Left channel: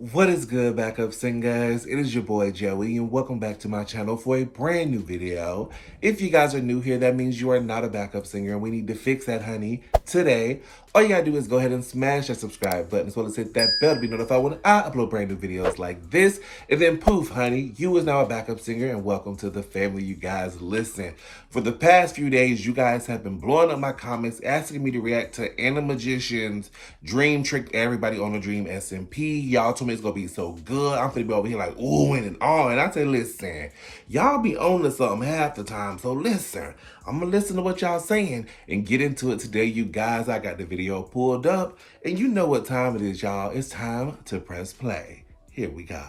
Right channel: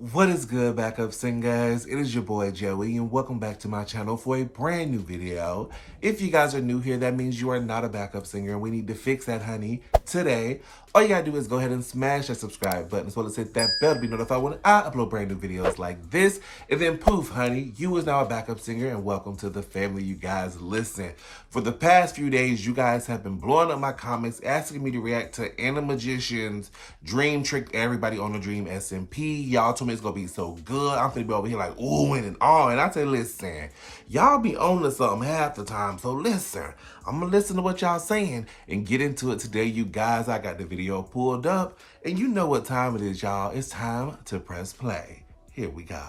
What is good, backup singers? It is your boy Joey, and welcome back to my channel for a brand new video. If you guys are new here, that means you are not a backup singer, and we need to fix that, honey. Today, all you gotta do is go ahead and smash that subscribe button, as well as hit that bell to be notified when I upload brand new videos like this. And then poof, honey, you is now a backup singer, and welcome to the family, you guys. Listen, for the past few days, you guys have been blowing up my comments, asking me to react to Anna Magician's Dream Trick Everybody on a Dream SMP. Y'all told me it's gonna be so good. I'm finna be over here like oohing and on. And I say, listen, y'all be on to something half the time. So listen, I'm gonna listen to what y'all saying and get into it today, you guys. I got the video pulled up, and you know what time it is, y'all. It's time to press play. Here we go.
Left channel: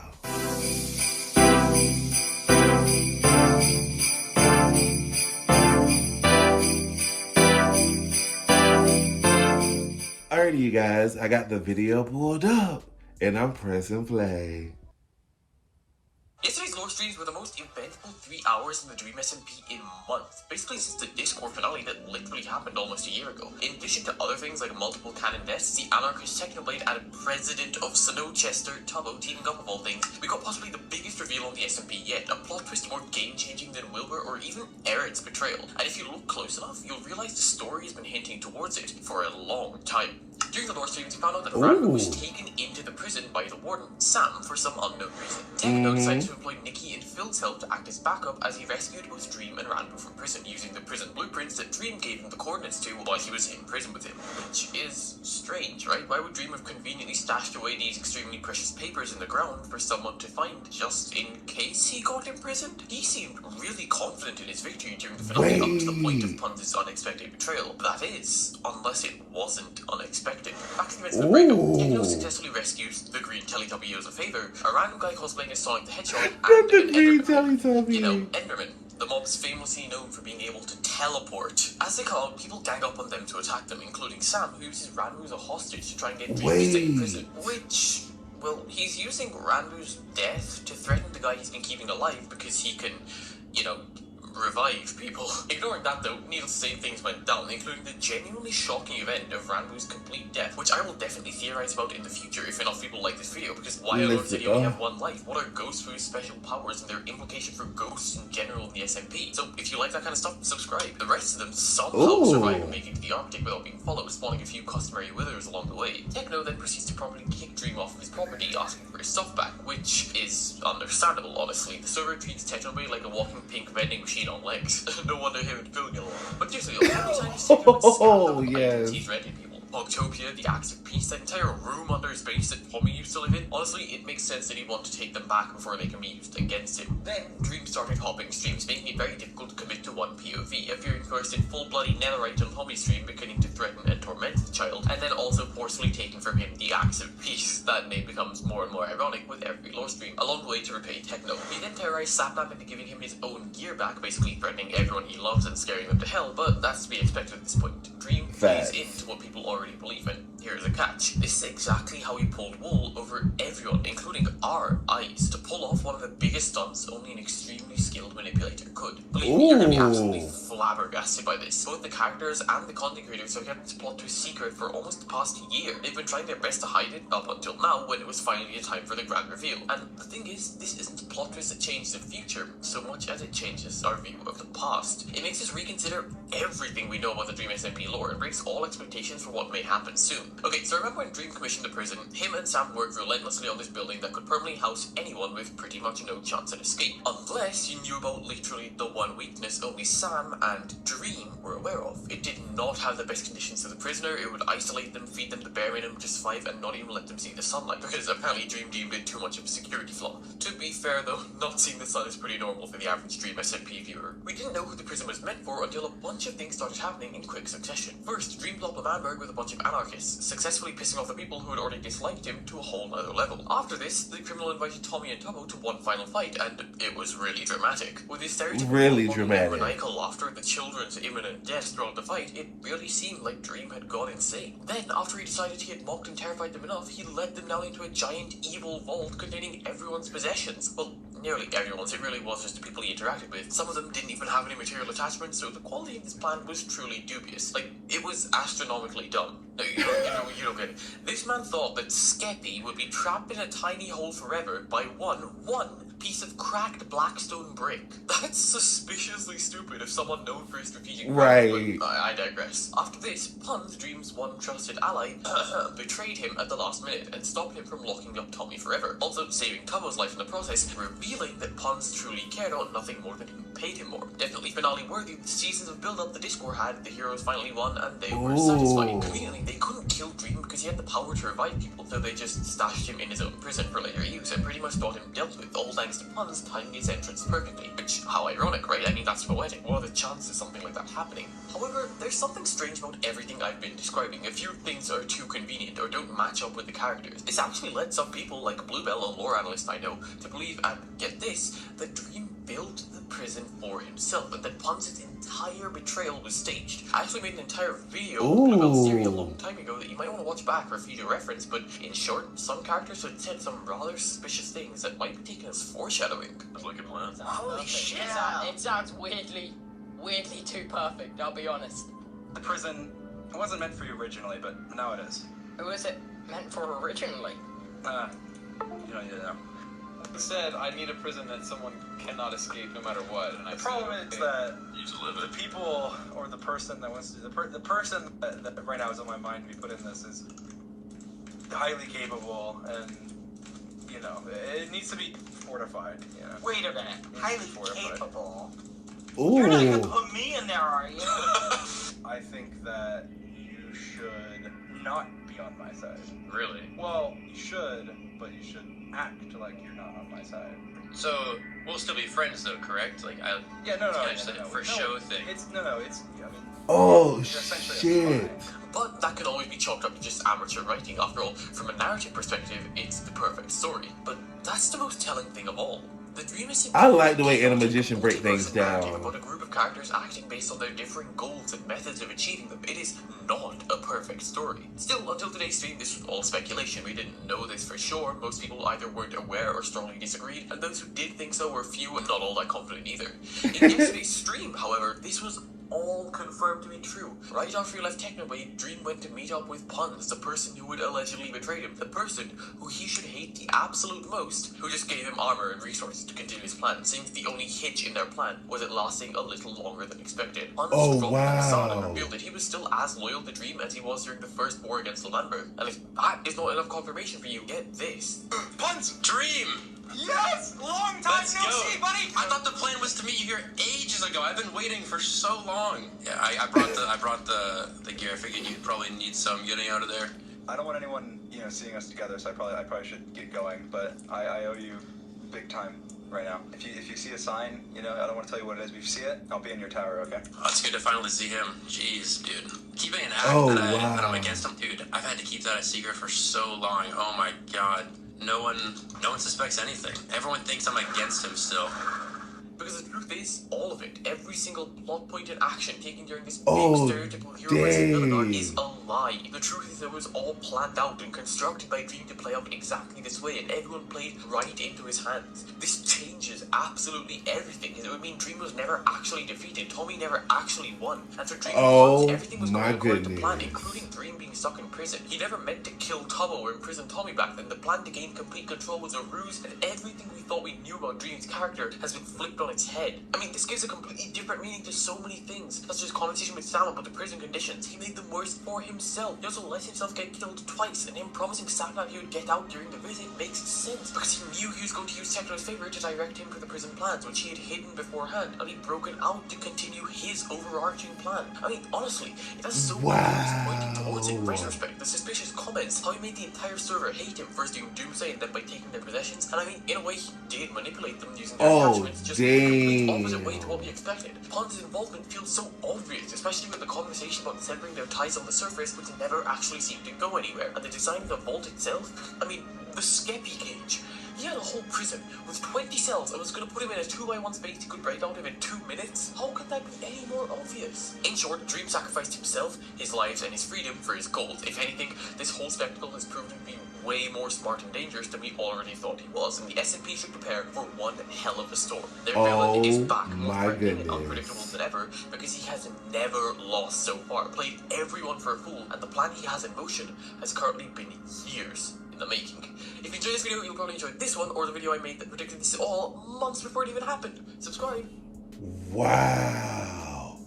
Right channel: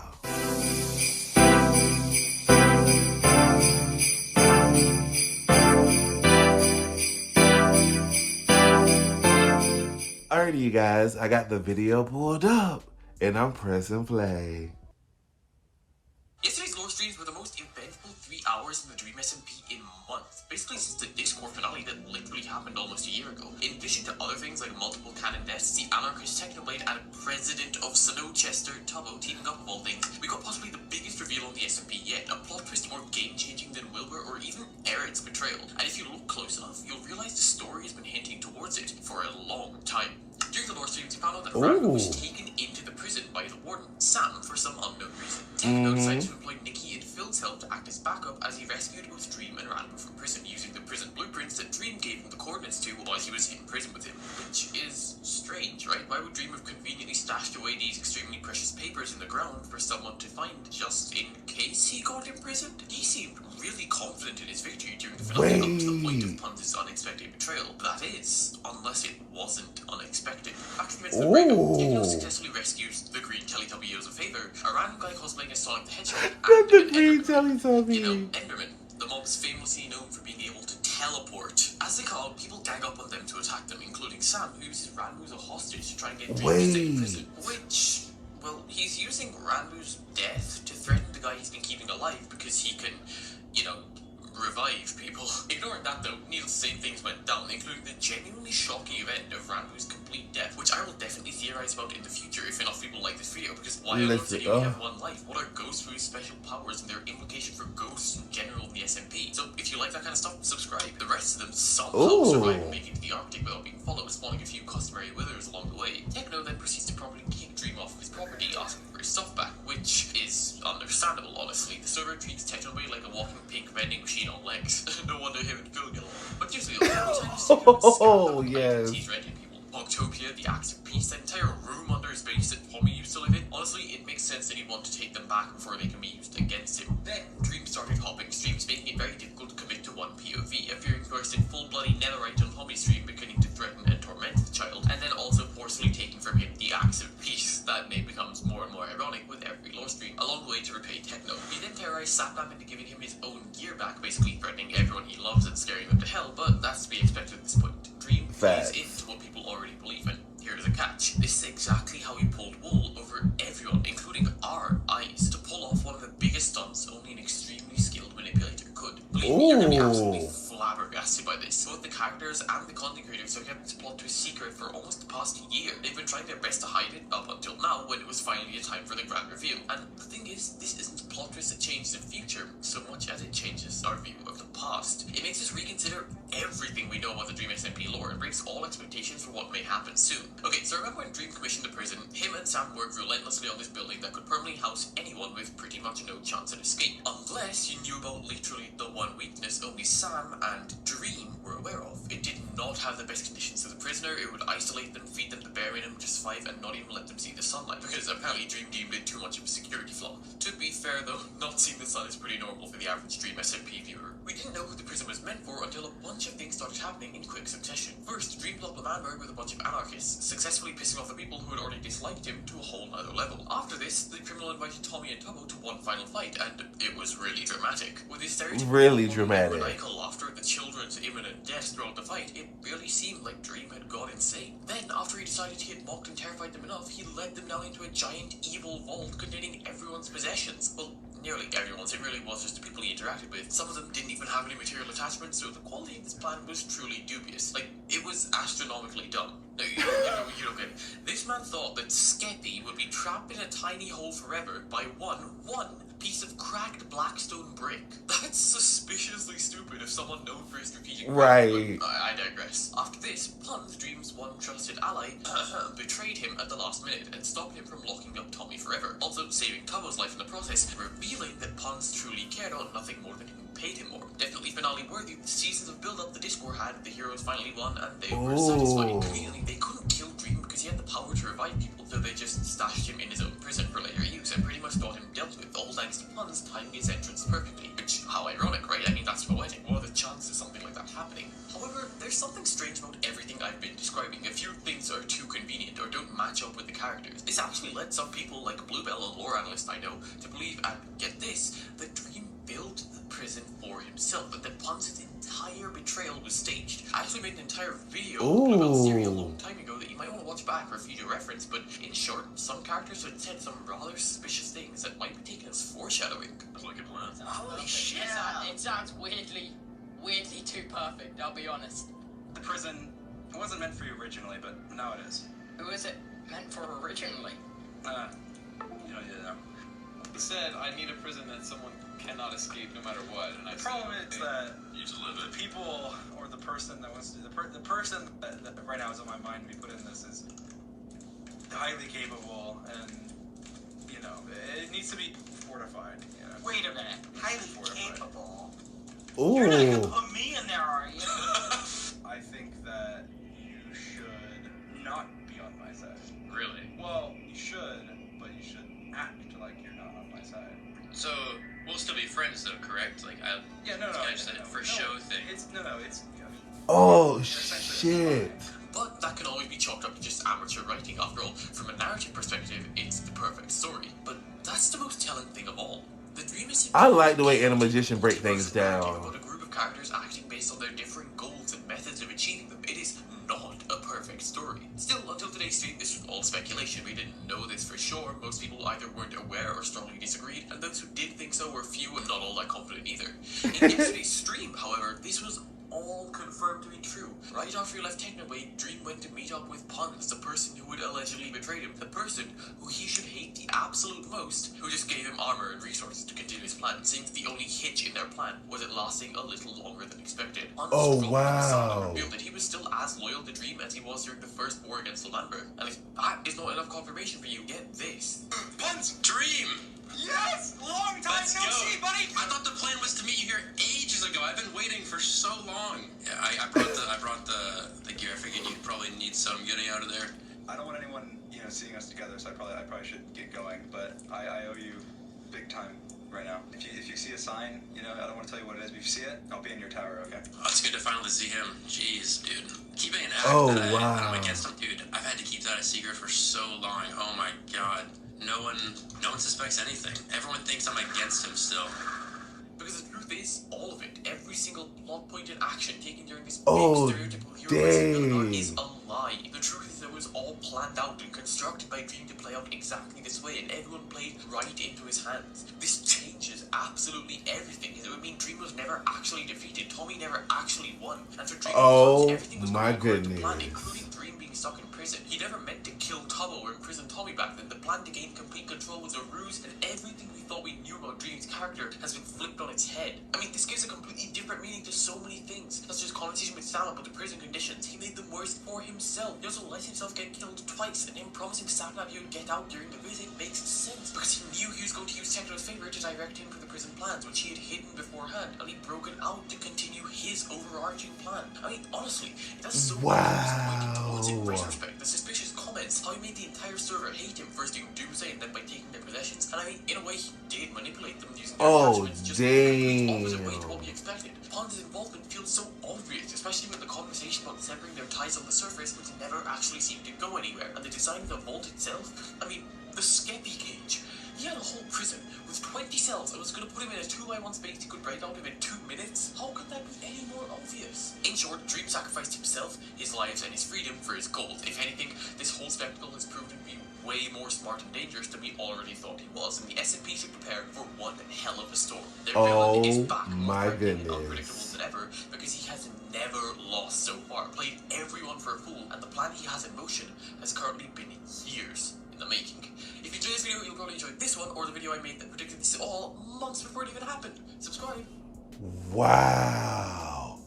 Alrighty, you guys, I got the video pulled up, and I'm pressing play. Yesterday's lore streams were the most eventful 3 hours in the Dream SMP in months, basically since the Discord finale that literally happened almost a year ago. In addition to other things like multiple Canon vests, the Anarchist Technoblade, and President of Snowchester, Tubbo, teaming up of all things, we got possibly the biggest reveal on the SMP yet, a plot twist more game-changing than Wilbur or even Eric's betrayal. And if you look close enough, you'll realize the story has been hinting towards it for a long time. During the lore streams, we found out that Randall was taken into the prison by the warden, Sam, for some unknown reason. Techno decided to employ Nikki and Phil's help to act as backup as he rescued both Dream and Randall from prison using the prison blueprints that Dream gave him the coordinates to while he was in prison with him. Which is strange, right? Why would Dream have conveniently stashed away these extremely precious papers in the ground for someone to find just in case he got imprisoned? He seemed really confident in his victory during the finale up to the point of Punz's unexpected betrayal. That is, unless it wasn't unexpected. Back to the rest of the breakup, Techno successfully rescues the green Teletubby as a favor, a random guy cosplaying as Sonic the Hedgehog, and The green Teletubby. You know, Enderman. The mob's famously known for being able to teleport. As they call, people gang up on them to attack them, including Sam, who uses Randu as a hostage to try and get Dream to stay in prison. Which, well, he's using Randu's death to threaten the guy he's been keeping alive because he can, you know, revive people. Ignoring that though, needless to say, things went down, including the genuinely shocking event of Randu's complete death, which I will definitely theorize about in the future if enough people like this video, because why alone did he only have one life? What are ghosts with special powers and their implication for ghosts in general in the SMP? So if you like that kind of stuff, subscribe. The rest of them somehow survive and make it to the Arctic without being followed, spawning a few customary withers along the way. Techno then proceeds to properly kick Dream off of his property, asking for his stuff back, which is understandable, honestly. The server treats Technoblade like a walking pink vending machine on legs. No wonder him and Phil get along. But seriously, oh yes. He's ready, people. Octopia, the Axe of Peace, that entire room under his base that Tommy used to live in. Honestly, it makes sense that he'd want to take them back before they can be used against him. Then, Dream started hopping streams, making it very difficult to commit to one POV, appearing first in full bloody netherite on Tommy's stream, beginning to threaten and torment the child, and then also forcefully taking from him the Axe of Peace. That name becomes more and more ironic with every lore stream, a long way to repay Techno. He then terrorized Sapnap into giving him his own gear back, basically threatening everyone he loves and scaring them to hell, but that's to be expected at this point. Dream plays into what people already believe in. Here's the catch. This is exactly how he pulled wool over everyone, including our eyes, to pull off one of the biggest stunts only an extremely skilled manipulator could. Believe me, you're gonna be absolutely flabbergasted by this. Both the characters and the content creators have kept this plot twist secret for almost the past year. They've been trying their best to hide it up until now, when it was finally a time for the grand reveal. And the thing is, this isn't a plot twist that changes the future so much as it changes our view of the past. It makes us reconsider everything we know about the Dream SMP lore and breaks all expectations for what may happen soon. Okay, so remember when Dream commissioned the prison, him and Sam worked relentlessly on this building that could permanently house anyone with pretty much no chance at escape. Unless you knew about literally the one weakness only Sam and Dream were aware of. It did not have the best conditions for the prisoner. It would isolate them, feed them the bare minimum to survive, and not even let them see the sunlight, because apparently Dream deemed it too much of a security flaw. To be fair though, not seeing the sun is pretty normal for the average Dream SMP viewer. We didn't know who the prison was meant for until a bunch of things started happening in quick succession. First, Dream blew up Levanberg with a bunch of anarchists, successfully pissing off the people who had already disliked him to a whole other level. After this, the criminal invited Tommy and Tubbo to one final fight, and it was really dramatic. With his stereotypical maniacal laughter, the children's imminent death throughout the fight, it really seemed like Dream had gone insane. Then, after he decided he had mocked and terrified them enough, he led them down into a giant evil vault containing everyone's possessions. Well, nearly everyone's. It really was just the people he interacted with. Some of them didn't even have any material attachments, so the quality of this plan was truly dubious. Like, it was astronomically dumb. No, you don't get it. This man thought that Skeppy would be trapped in a tiny hole forever by one piece of cracked blackstone brick. That's suspiciously stupid if someone known for his strategic Right. But I digress. After this, Pun's Dream's one trusted ally betrayed him at the last minute and stopped him from locking up Tommy forever, also saving Tomo's life in the process, revealing that Pun's truly cared on nothing more than him paid him more. Definitely finale worthy. The seasons of build-up the Discord had, the heroes finally won, and they were satisfied. Conveniently, they couldn't kill Dream because he had the power to revive people, so they just stashed him in his own prison for later use and pretty much thought him dealt with, all thanks to Pun's timing his entrance perfectly. Which, how ironic, right? I mean, that's poetic. What are the chances of something like that happening? However, there's something strange about everything I've been describing. A few things are too convenient or don't match up with the characters. This actually led some people, like Bluebell, a lore analyst I know, to believe, and get this, that Dream built the prison for himself, but that Pun's entire betrayal was staged. I actually made an entire video about Siri a long time ago that you might want to watch back for future reference, but in short, some characters had said some rather suspicious things that might be taken as foreshadowing. Holy shit! It sounds weirdly too perfect, I'll be honest. The prison, it wasn't meant for you originally, but now it is. Who was it meant for originally? You don't need to know. He said, I need a prison that someone cannot escape no matter what. And The problem is that You just live the people, or the person that wants to, the person that right now is on my mind we put in this is highly capable, and, you know, it needs to be fortified. You know? Wait a minute. Highly Fortified. capable. You're not gonna Ooh. put me in there, are you? I think that you should not be on my side. Really? Well, you should, but you should act like you're not on my side. So, we'll still be friends though, correct? Like, Yeah, no, just a for show thing. It's I mean, Oh, you're essentially shit. But that can always be chalked up to just amateur writing. After all, from a narrative perspective, it's the perfect story. But that's the most telling thing of all. The dream is I like the way Animagician break things down. About a group of characters acting based on their differing goals and methods of achieving them. It is not a perfect story. Still, until today's stream, this was all speculation. We didn't know this for sure. Most people either weren't aware or strongly disagreed, and those who did think so were few and not all that confident either. In yesterday's stream, however, this was all confirmed to be true. Right after he left Technowave, Dream went to meet up with Puns, the person who would allegedly betrayed him, the person who he should hate the absolute most, who just gave him armor and resources to continue his plan, since the only hitch in their plan was it lasting a little longer than expected. Puns revealed that he was still as loyal to Dream as he was during the first war against Lavember. And if that is not enough confirmation for you, get this. Puns, Dream! Yes! Long time Let's no go. see, buddy! I thought the plan was to meet you here ages ago. I've been waiting for so long. Yeah, I brought the gear. I figured you'd probably need some getting out of there. I don't want anyone, you know, seeing us together, so I probably should get going. But I owe you big time right now. If you see a sign, you know, I don't want to tell you what it is, but if you see it, I'll be in your tower, okay? Oh, it's good to finally see him. Jeez, dude. Keeping an act Oh, that wow. I'm against him, dude. I've had to keep that a secret for so long. Oh my god. No one suspects anything. Everyone thinks I'm against him still. Because the truth is, all of it, every single plot point and action taken during this Oh, big stereotypical hero dang. is a lie. The truth is it was all planned out and constructed by Dream to play out exactly this way, and everyone played right into his hands. This changes absolutely everything. It would mean Dream was never actually defeated, Tommy never actually won, and for Dream, Oh, everything was my going according to plan, goodness. including Dream being stuck in prison. He never meant to kill Tomo or imprison Tommy back then. The plan to gain complete control was a ruse, and everything we thought we knew about Dream's character has been flipped on its head. I mean, this gives a completely different meaning to so many things, such as his conversation with Sam about the prison conditions. He made them worse for himself. He also let himself get killed twice, and him promising Sam that he would get out during the visit makes sense, because he knew he was going to use Tekno's favor to direct him to the prison plans, which he had hidden beforehand, and he'd broken out to continue his overarching plan. I mean, honestly, it has so many pointing towards it in retrospect. The suspicious comments, how he made the entire server hate him, first doing Doomsday and then by taking their possessions, and I mean, in a way, he did manipulate them using their attachments, just the complete opposite way to what we expected. Pond's involvement feels so obvious, especially with the conversation about severing their ties on the surface, which never actually seemed to go anywhere, and the design of the vault itself. I mean, the Skeppy cage. He had a whole prison with 20 cells and was going to put him in a 2x1 space he could break out of in 2 minutes. How could that be any more obvious? In short, Dream sacrificed himself, his lives, and his freedom for his gold. If anything, this whole spectacle has proven to be way more smart and dangerous than we already thought he was, and the SMP should prepare for one hell of a storm. Their villain is back more my threatening and goodness. unpredictable than ever, because he has never lost so far, played everyone for a fool, and the plan he has in motion has currently been years in the making. If you enjoyed this video, you'll probably enjoy this one, or the video I made that predicted this all months before it even happened. Subscribe. Wow.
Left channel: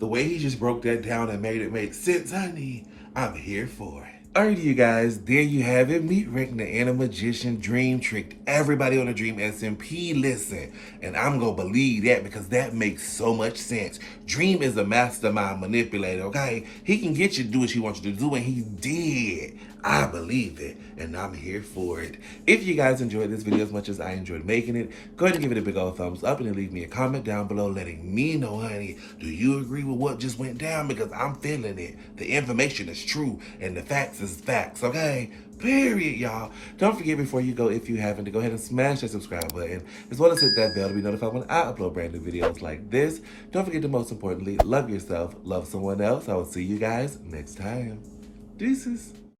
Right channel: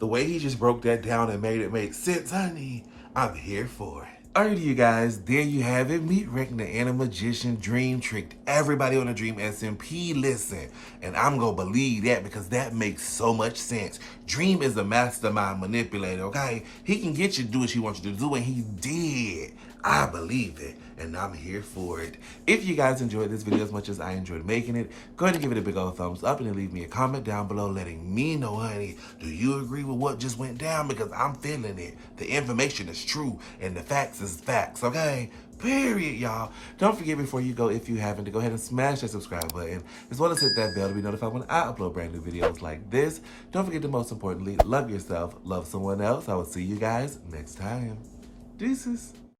The way he just broke that down and made it make sense, honey, I'm here for it. Alrighty, you guys, there you have it. Meet Rick, the Animagician. Dream tricked everybody on the Dream SMP. Listen, and I'm gonna believe that because that makes so much sense. Dream is a mastermind manipulator, okay? He can get you to do what he wants you to do, and he did. I believe it, and I'm here for it. If you guys enjoyed this video as much as I enjoyed making it, go ahead and give it a big old thumbs up and then leave me a comment down below letting me know, honey, do you agree with what just went down? Because I'm feeling it. The information is true, and the facts is facts, okay? Period, y'all. Don't forget before you go, if you haven't, to go ahead and smash that subscribe button, as well as hit that bell to be notified when I upload brand new videos like this. Don't forget to, most importantly, love yourself, love someone else. I will see you guys next time. Deuces.